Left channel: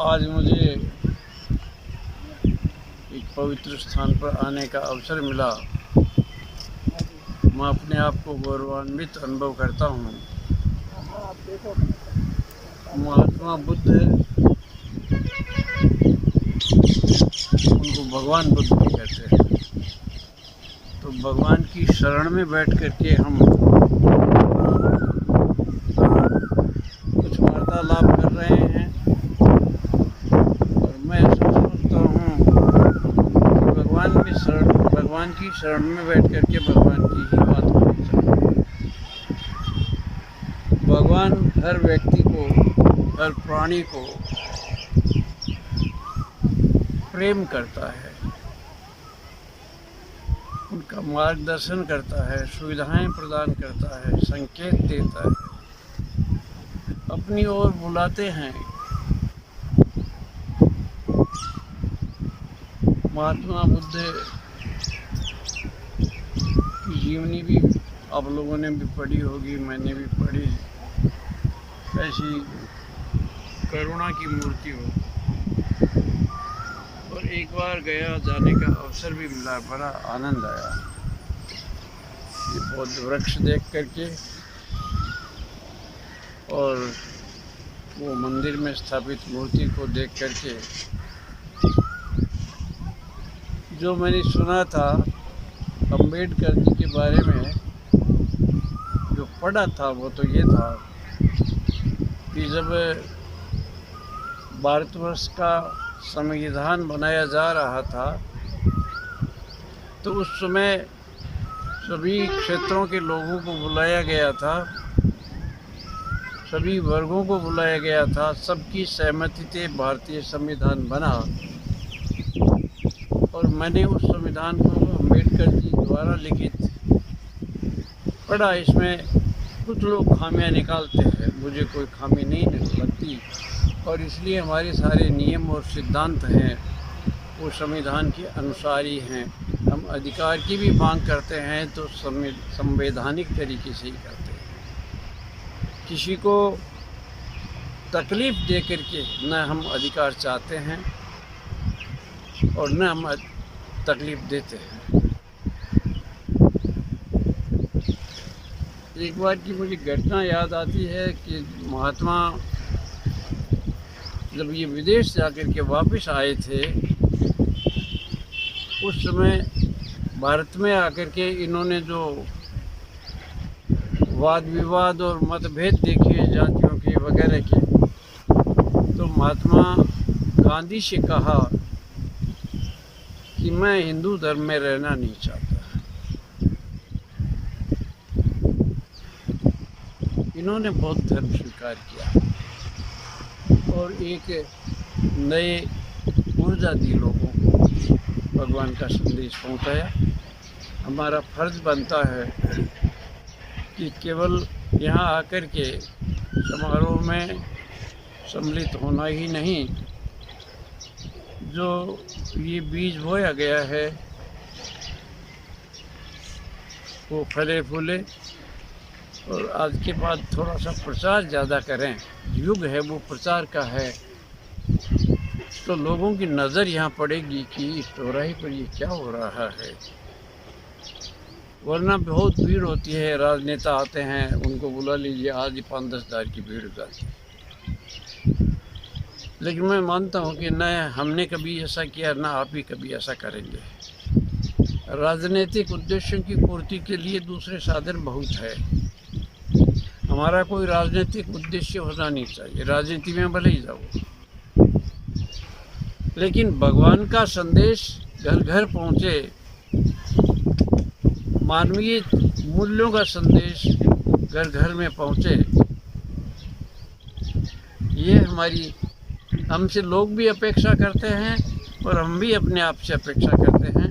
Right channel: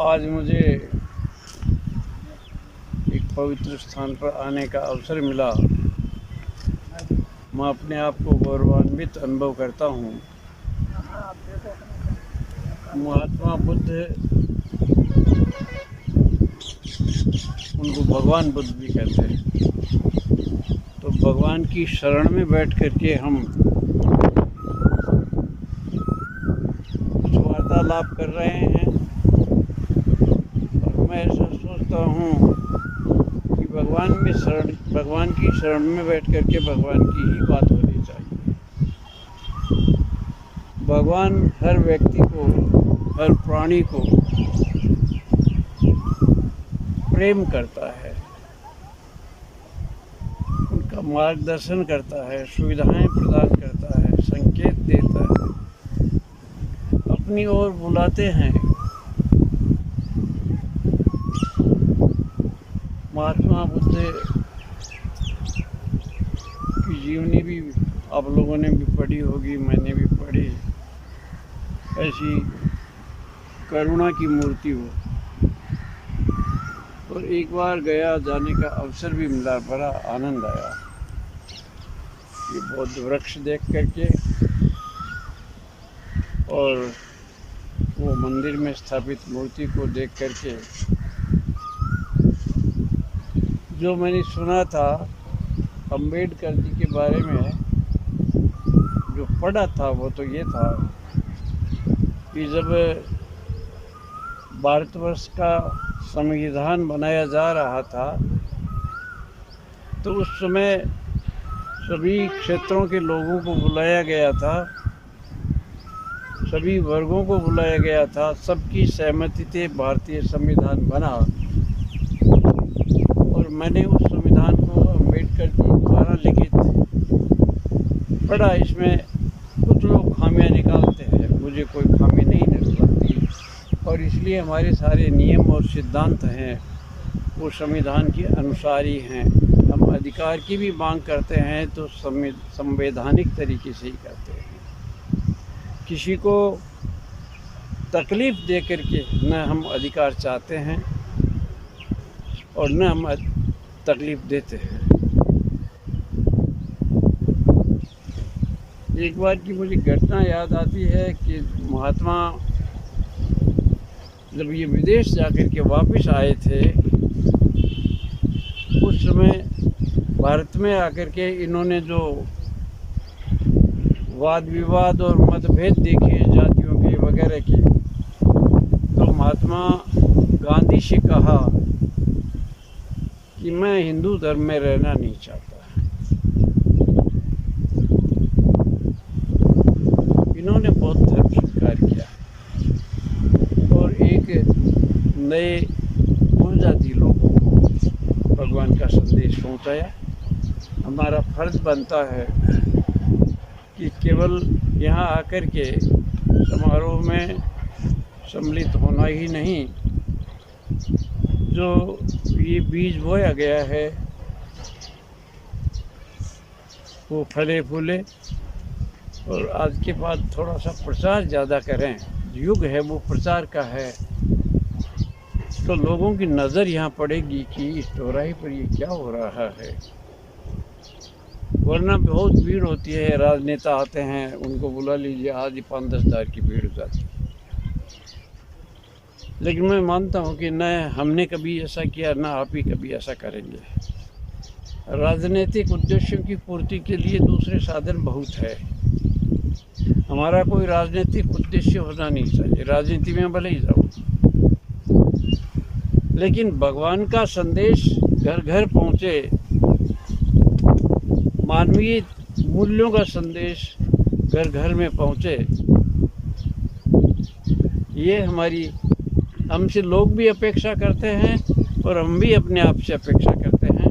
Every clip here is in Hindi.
आज मुझे एक पवित्र स्थान पर आने का अवसर मिला। मैं अपने आप को गौरवान्वित अनुभव करता हूँ। महात्मा बुद्ध, उनको भगवान बुद्ध भी कहते हैं। तो भगवान की शरण में बैठ करके हम कुछ वार्तालाप कर रहे हैं और मैं ऐसा सोचता हूँ कि भगवान की शरण में बैठ करके भगवान की ही बात होनी चाहिए। भगवान हर व्यक्ति को, हर प्राणी को प्रेम करता है, उनका मार्गदर्शन करता है, सुविधाएं प्रदान करता है, संकेत देता है, अपनी ओर बुलाते हैं। महात्मा बुद्ध की जीवनी भी आप लोगों ने भी पढ़ी होगी, मैंने भी पढ़ी। ऐसी करुणा की मूर्ति हो। और एक बार गया जाने का अवसर भी मिला, बड़ा आनंद आया ये बौद्ध वृक्ष देख करके और वो मंदिर में स्थापित मूर्ति को देख करके। जो मैंने सुना था अंबेडकर जी के बारे में, जो पढ़ा था वो तो ये था कि जब भारतवर्ष का संविधान बनाया जा रहा था तो उस समय सभी क्षेत्रों के लोगों को बुलाया गया था, सभी वर्गों को बुलाया गया था, सबकी सहमति से भारतीय संविधान बना। और मैंने उस संविधान को अंबेडकर जी द्वारा लिखित पढ़ा। इसमें कुछ लोग खामियां निकालते हैं, मुझे कोई खामी नहीं लगती, और इसलिए हमारे सारे नियम और सिद्धांत हैं वो संविधान के अनुसार ही हैं। हम अधिकार की भी मांग करते हैं तो संवैधानिक तरीके से ही करते हैं। किसी को तकलीफ़ दे करके न हम अधिकार चाहते हैं और न हम तकलीफ़ देते हैं। एक बार की मुझे घटना याद आती है कि महात्मा जब ये विदेश जाकर के वापस आए थे, उस समय भारत में आकर के इन्होंने जो वाद विवाद और मतभेद देखे जातियों के वगैरह के, तो महात्मा गांधी से कहा कि मैं हिंदू धर्म में रहना नहीं चाहता। इन्होंने बौद्ध धर्म स्वीकार किया और एक नए ऊर्जा दी लोगों को, भगवान का संदेश पहुंचाया। हमारा फर्ज बनता है कि केवल यहाँ आकर के समारोह में सम्मिलित होना ही नहीं, जो ये बीज बोया गया है वो फले फूले, और आज के बाद थोड़ा सा प्रचार ज़्यादा करें। युग है वो प्रचार का है, तो लोगों की नज़र यहाँ पड़ेगी कि इस चौराहे पर ये क्या हो रहा है। वरना बहुत भीड़ होती है, राजनेता आते हैं, उनको बुला लीजिए, आज ही 5-10 हज़ार की भीड़ हो जाती है। लेकिन मैं मानता हूँ कि न हमने कभी ऐसा किया, न आप ही कभी ऐसा करेंगे। राजनीतिक उद्देश्यों की पूर्ति के लिए दूसरे साधन बहुत है। हमारा कोई राजनीतिक उद्देश्य होना नहीं चाहिए, राजनीति में भले ही जाओ, लेकिन भगवान का संदेश घर घर पहुँचे, मानवीय मूल्यों का संदेश घर घर में पहुँचे, ये हमारी, हमसे लोग भी अपेक्षा करते हैं और हम भी अपने आप से अपेक्षा करते हैं।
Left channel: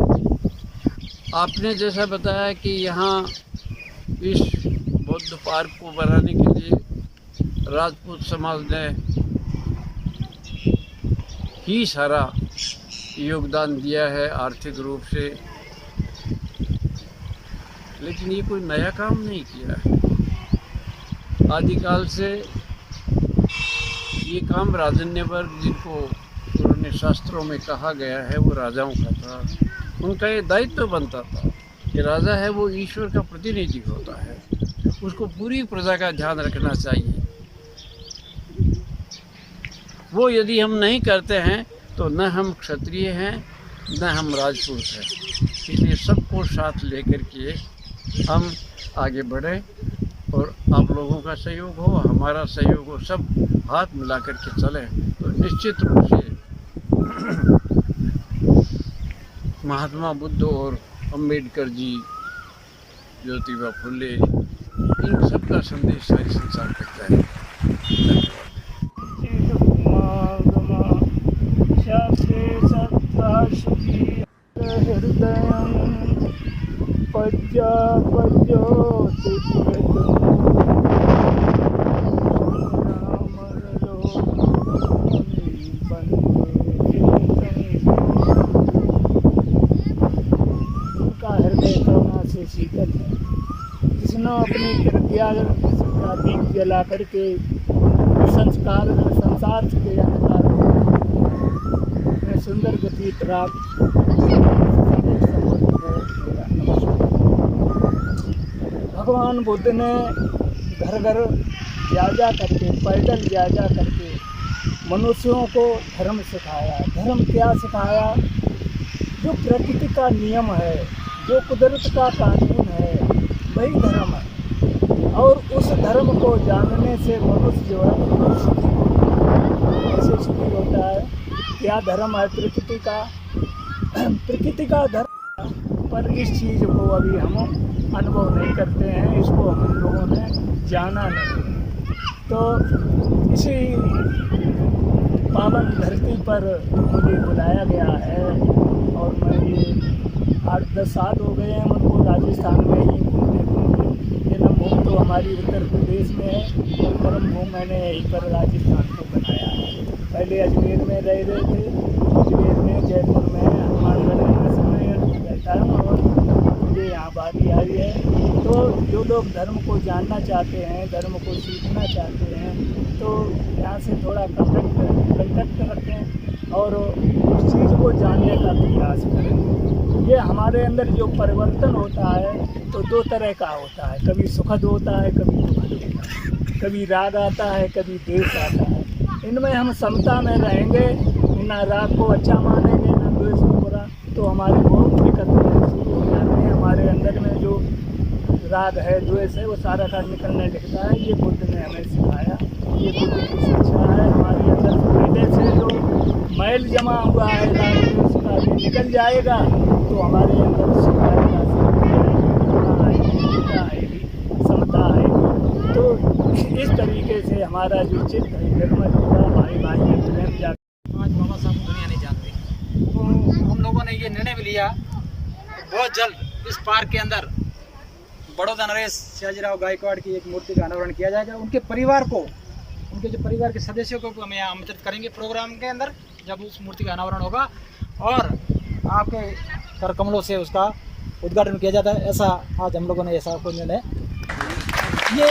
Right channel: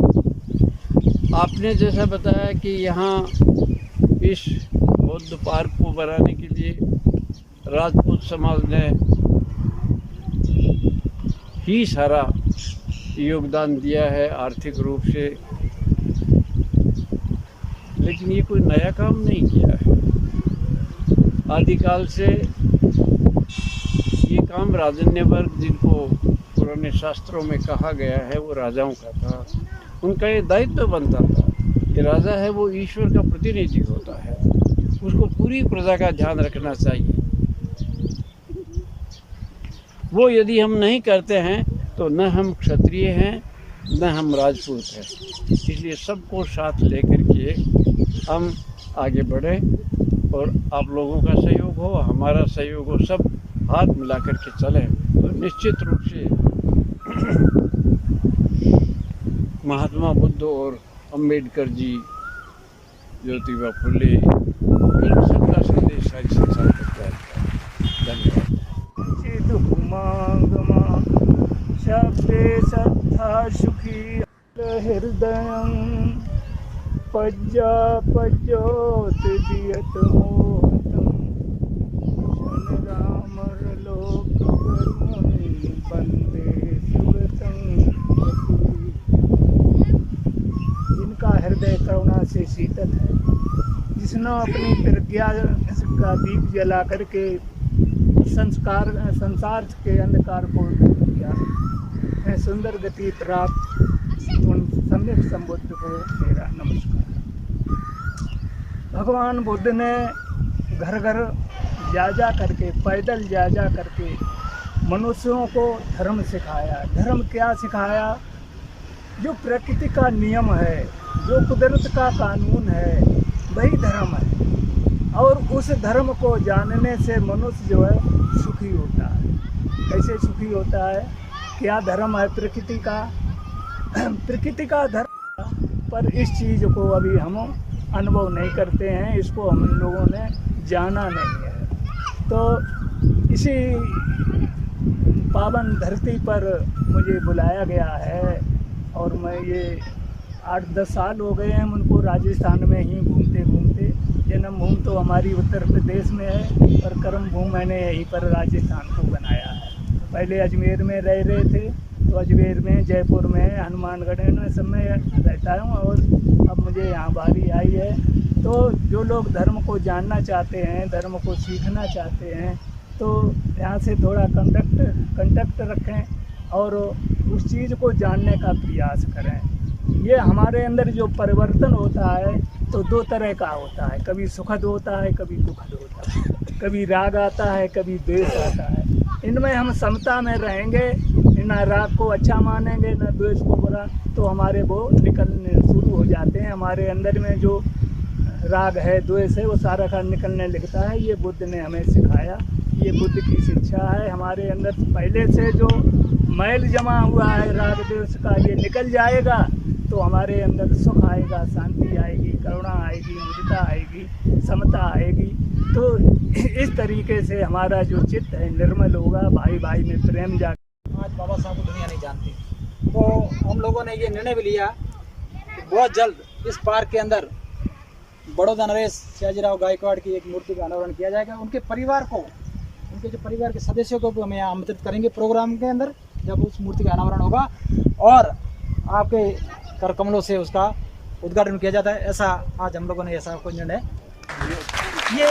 आपने जैसा बताया कि यहाँ इस बौद्ध पार्क को बनाने के लिए राजपूत समाज ने ही सारा योगदान दिया है आर्थिक रूप से, लेकिन ये कोई नया काम नहीं किया है। आदिकाल से ये काम राजन्य वर्ग जिनको पुराने शास्त्रों में कहा गया है वो राजाओं का था। उनका ये दायित्व बनता था कि राजा है वो ईश्वर का प्रतिनिधि होता है, उसको पूरी प्रजा का ध्यान रखना चाहिए। वो यदि हम नहीं करते हैं तो न हम क्षत्रिय हैं न हम राजपूत हैं। इसलिए सबको साथ लेकर के हम आगे बढ़ें और आप लोगों का सहयोग हो, हमारा सहयोग हो, सब हाथ मिला कर के चलें तो निश्चित रूप से महात्मा बुद्ध और अम्बेडकर जी, ज्योतिबा फुले, इन सबका संदेश सारे संसार तक जाएगा। धन्यवाद। शब्दे सत्ता सुखी हृदयं पज्योत उनका हृदय करुणा से शीतल है, जिसने अपनी प्रज्ञा का दीप जला करके संसार के अंधकार को सुंदर गति प्राप्त संबुद्ध है। मेरा नमस्कार। भगवान बुद्ध ने घर घर जा करके, पैदल जा करके मनुष्यों को धर्म सिखाया। धर्म क्या सिखाया? जो प्रकृति का नियम है, जो कुदरत का कानून है, वही धर्म है। और उस धर्म को जानने से मनुष्य जो है सुखी होता है। ऐसे सुखी होता है। क्या धर्म है? प्रकृति का प्रकृति का धर्म। पर इस चीज़ को अभी हम अनुभव नहीं करते हैं, इसको हम लोगों ने जाना नहीं है। तो इसी पावन धरती पर मुझे बुलाया गया है और मैं ये 8-10 साल हो गए हैं उनको राजस्थान में ही घूमते घूमते। जन्मभूमि तो हमारी उत्तर प्रदेश में है, पर कर्म भूमि मैंने यहीं पर राजस्थान को बनाया है। पहले अजमेर में रह रहे थे, अजमेर में, जयपुर में, हनुमानगढ़ में सब में रहता हूँ और अब मुझे यहाँ बारी आई है। तो जो लोग धर्म को जानना चाहते हैं, धर्म को सीखना चाहते हैं, तो यहाँ से थोड़ा कंटैक्ट रखें और उस चीज़ को जानने का प्रयास करें। ये हमारे अंदर जो परिवर्तन होता है तो 2 तरह का होता है, कभी सुखद होता है, कभी दुखद होता है, कभी राग आता है, कभी द्वेष आता है। इनमें हम समता में रहेंगे, ना राग को अच्छा मानेंगे ना द्वेष को बुरा, तो हमारे वो निकलने शुरू हो जाते हैं। हमारे अंदर में जो राग है, द्वेष है, वो सारा का निकलने लगता है। ये बुद्ध ने हमें सिखाया, ये बुद्ध की शिक्षा है। हमारे अंदर पहले से जो मैल जमा हुआ है राग द्वेष का, ये निकल जाएगा तो हमारे अंदर सुख आएगा, शांति आएगी, करुणा आएगी, एकता आएगी, समता आएगी। तो इस तरीके से हमारा जो चित्त है निर्मल होगा, भाई भाई में प्रेम जाएगा। आज बाबा साहब को दुनिया नहीं जानती, तो हम लोगों ने ये निर्णय भी लिया कि बहुत जल्द इस पार्क के अंदर बड़ौदा नरेश सयाजीराव गायकवाड़ की एक मूर्ति का अनावरण किया जाएगा। उनके परिवार को, उनके जो परिवार के सदस्यों को भी हम यहाँ आमंत्रित करेंगे प्रोग्राम के अंदर जब उस मूर्ति का अनावरण होगा, और आपके कर कमलों से उसका उद्घाटन किया जाता है। ऐसा आज हम लोगों ने ऐसा कोई निर्णय ये